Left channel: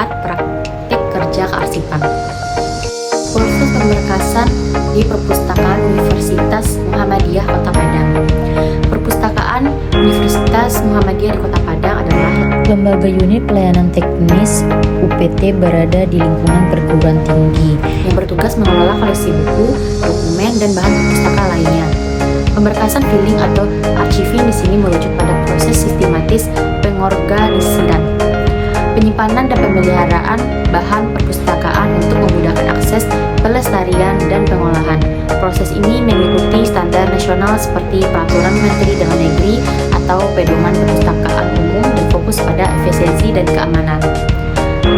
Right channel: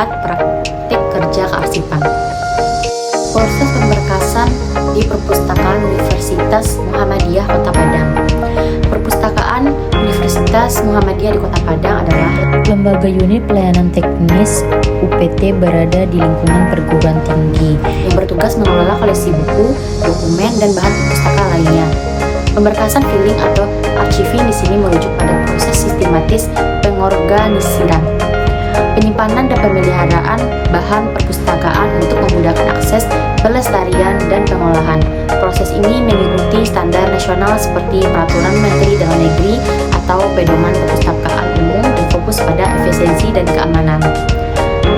keempat, praktik kerja kearsipan. Proses pemberkasan di Perpustakaan Universitas Muhammadiyah Kota Padang. Perpustakaan Universitas Muhammadiyah di Kota Padang adalah lembaga unit pelayanan teknis UPT berada di lingkungan perguruan tinggi yang bertugas mengelola koleksi buku, dokumen, dan bahan perpustakaan lainnya. Pemberkasan filing atau archiving di sini merujuk pada proses sistematis pengorganisiran, penyimpanan dan pemeliharaan bahan perpustakaan untuk memudahkan akses, pelestarian, dan pengolahan. Proses ini mengikuti standar nasional seperti Peraturan Menteri Dalam Negeri atau Pedoman Perpustakaan Umum dan fokus pada efisiensi dan keamanan.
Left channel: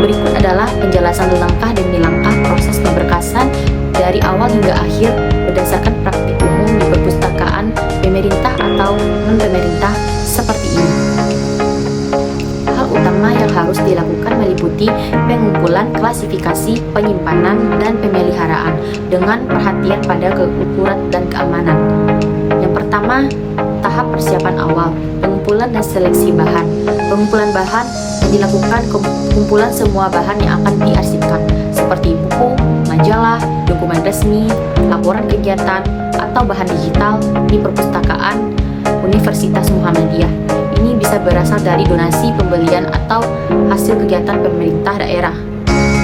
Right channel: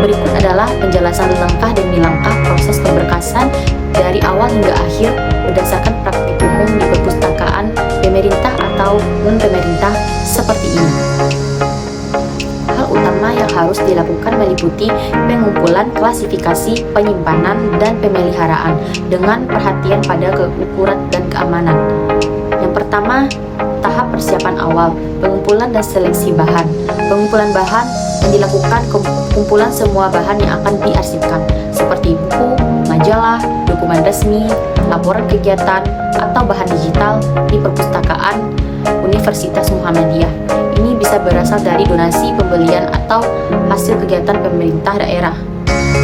Berikut adalah penjelasan langkah demi langkah proses pemberkasan dari awal hingga akhir berdasarkan praktik umum di perpustakaan pemerintah atau non-pemerintah seperti ini. Hal utama yang harus dilakukan meliputi pengumpulan, klasifikasi, penyimpanan, dan pemeliharaan dengan perhatian pada keukuran dan keamanan. Yang pertama, tahap persiapan awal, pengumpulan dan seleksi bahan. Pengumpulan bahan yang dilakukan kumpulan semua bahan yang akan diarsipkan, seperti buku, majalah, dokumen resmi, laporan kegiatan, atau bahan digital di perpustakaan Universitas Muhammadiyah. Ini bisa berasal dari donasi, pembelian, atau hasil kegiatan pemerintah daerah.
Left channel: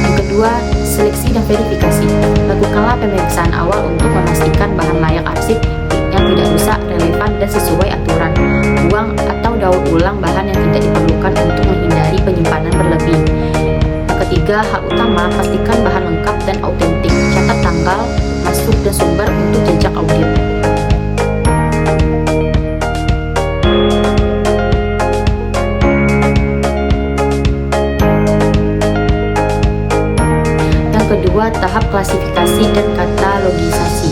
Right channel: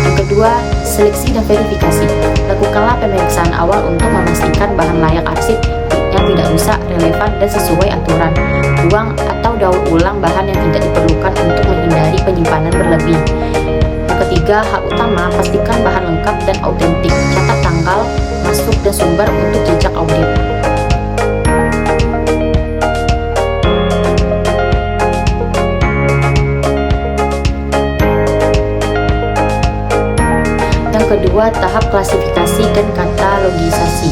Yang kedua, seleksi dan verifikasi. Lakukanlah pemeriksaan awal untuk memastikan bahan layak arsip yang tidak rusak, relevan, dan sesuai aturan. Buang atau daur ulang bahan yang tidak diperlukan untuk menghindari penyimpanan berlebih. Yang ketiga, hal utama, pastikan bahan lengkap dan autentik. Catat tanggal masuk dan sumber untuk jejak audit. Yang kedua, tahap klasifikasi dan katalogisasi.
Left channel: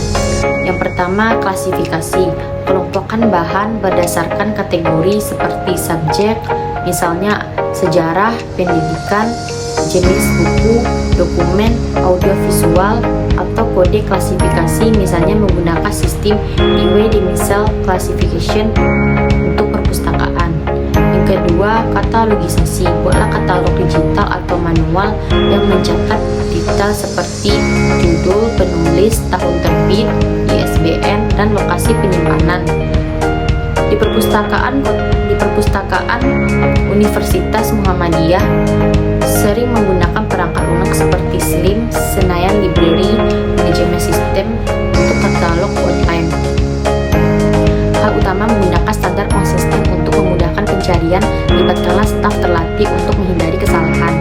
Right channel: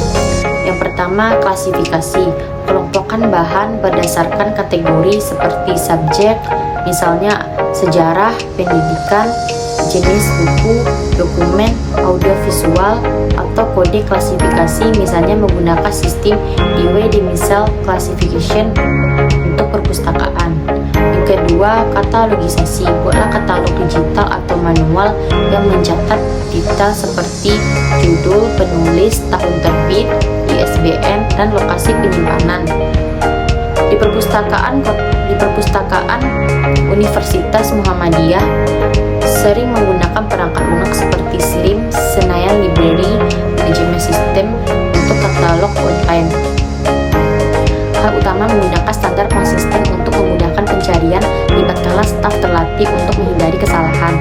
Yang pertama, klasifikasi. Kelompokkan bahan berdasarkan kategori seperti subjek, misalnya sejarah, pendidikan, jenis buku, dokumen, audiovisual, atau kode klasifikasi, misalnya menggunakan sistem Dewey-Demisel Classification untuk perpustakaan. Yang kedua, katalogisasi. Buatlah katalog digital atau manual yang mencatat detail seperti judul, penulis, tahun terbit, ISBN, dan lokasi penyimpanan. Di perpustakaan Universitas Muhammadiyah sering menggunakan perangkat lunak seperti SLIM, Senayan Library Management System untuk katalog online. Hal utama menggunakan standar konsisten untuk memudahkan pencarian, libatkanlah staf terlatih untuk menghindari kesalahan.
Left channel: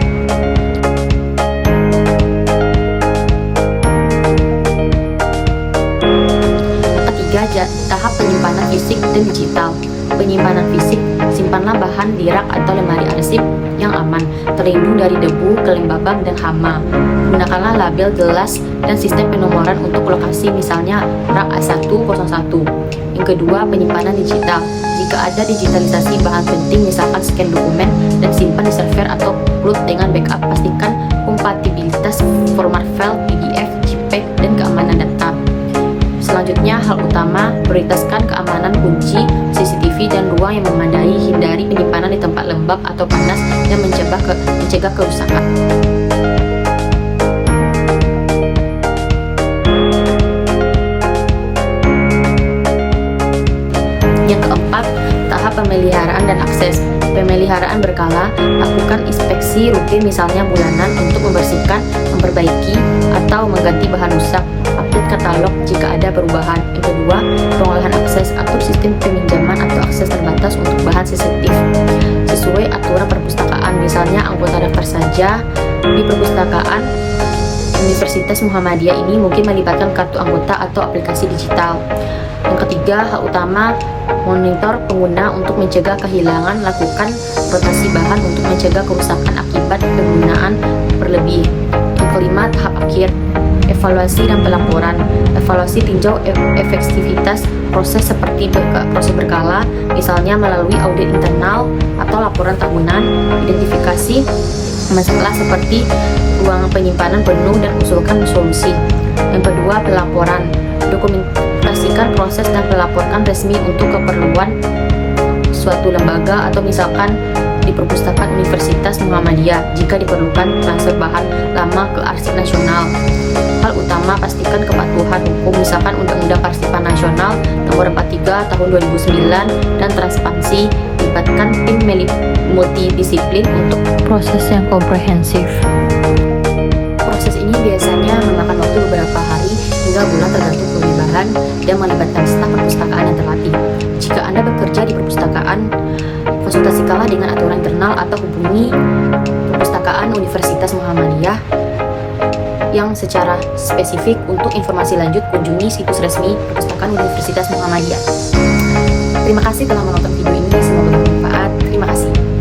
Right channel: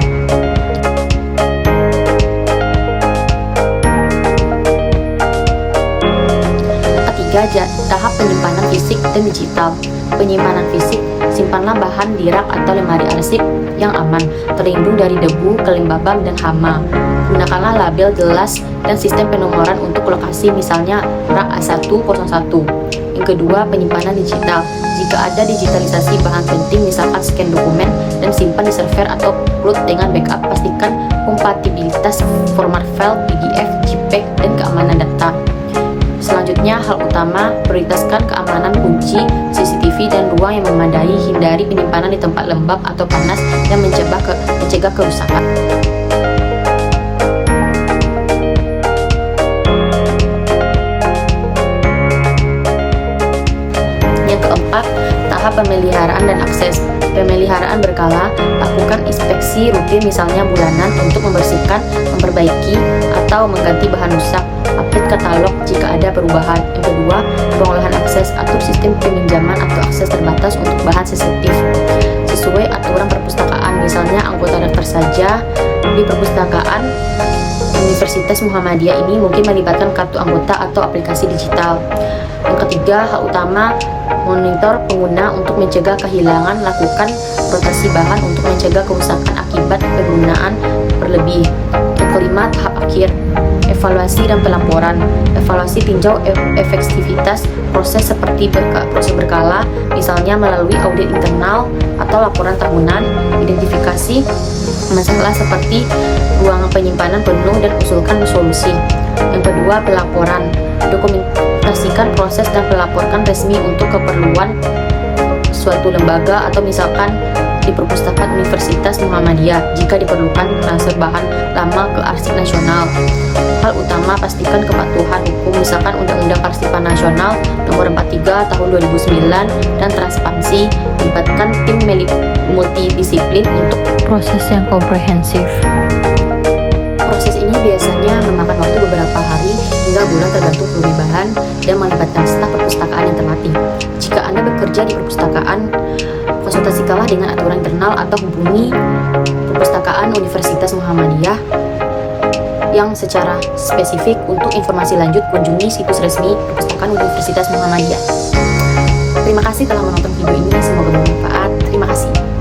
Ketiga, tahap penyimpanan fisik dan digital. Penyimpanan fisik, simpanlah bahan di rak atau lemari arsip yang aman, terlindung dari debu, kelembaban, dan hama. Gunakanlah label jelas dan sistem penomoran untuk lokasi, misalnya rak A101. Yang kedua, penyimpanan digital. Jika ada digitalisasi bahan penting, misalkan scan dokumen dan simpan di server atau cloud dengan backup, pastikan kompatibilitas format file, PDF, JPEG, dan keamanan data. Selanjutnya, hal utama, prioritaskan keamanan kunci, CCTV, dan ruang yang memadai. Hindari penyimpanan di tempat lembab atau panas yang mencegah kerusakan. Yang keempat, tahap pemeliharaan dan akses. Pemeliharaan berkala, lakukan inspeksi rutin misalnya bulanan untuk membersihkan, memperbaiki, atau mengganti bahan rusak. Update katalog jika ada perubahan. Yang kedua, pengolahan akses. Atur sistem peminjaman atau akses terbatas untuk bahan sensitif sesuai aturan perpustakaan, misalnya anggota daftar saja. Di perpustakaan Universitas Muhammadiyah ini mungkin melibatkan kartu anggota atau aplikasi digital. Yang ketiga, hal utama, monitor pengguna untuk mencegah kehilangan. Lakukan rotasi bahan untuk mencegah kerusakan akibat penggunaan berlebih. Yang kelima, tahap akhir, evaluasi dan pelaporan. Evaluasi tinjau efektivitas proses seperti proses berkala, misalnya melalui audit internal atau laporan tahunan. Identifikasi masalah seperti ruang penyimpanan penuh dan usulkan solusi. Yang kedua, pelaporan. Dokumentasikan proses dan pelaporkan resmi untuk keperluan suatu lembaga atau misalkan di perpustakaan Universitas Muhammadiyah jika diperlukan transfer bahan lama ke Arsip Nasional. Hal utama pastikan kepatuhan hukum, misalkan Undang-Undang Kearsipan Nasional Nomor 43 Tahun 2009 dan transparansi. Libatkan tim multidisiplin untuk Proses yang komprehensif. proses ini biasanya memakan waktu beberapa hari hingga bulan tergantung volume bahan dan melibatkan staf perpustakaan yang terlatih. Jika Anda bekerja di perpustakaan, konsultasikanlah dengan aturan internal atau hubungi perpustakaan Universitas Muhammadiyah yang secara spesifik. Untuk informasi lanjut, kunjungi situs resmi Perpustakaan Universitas Muhammadiyah. Terima kasih telah menonton video ini, semoga bermanfaat. Terima kasih.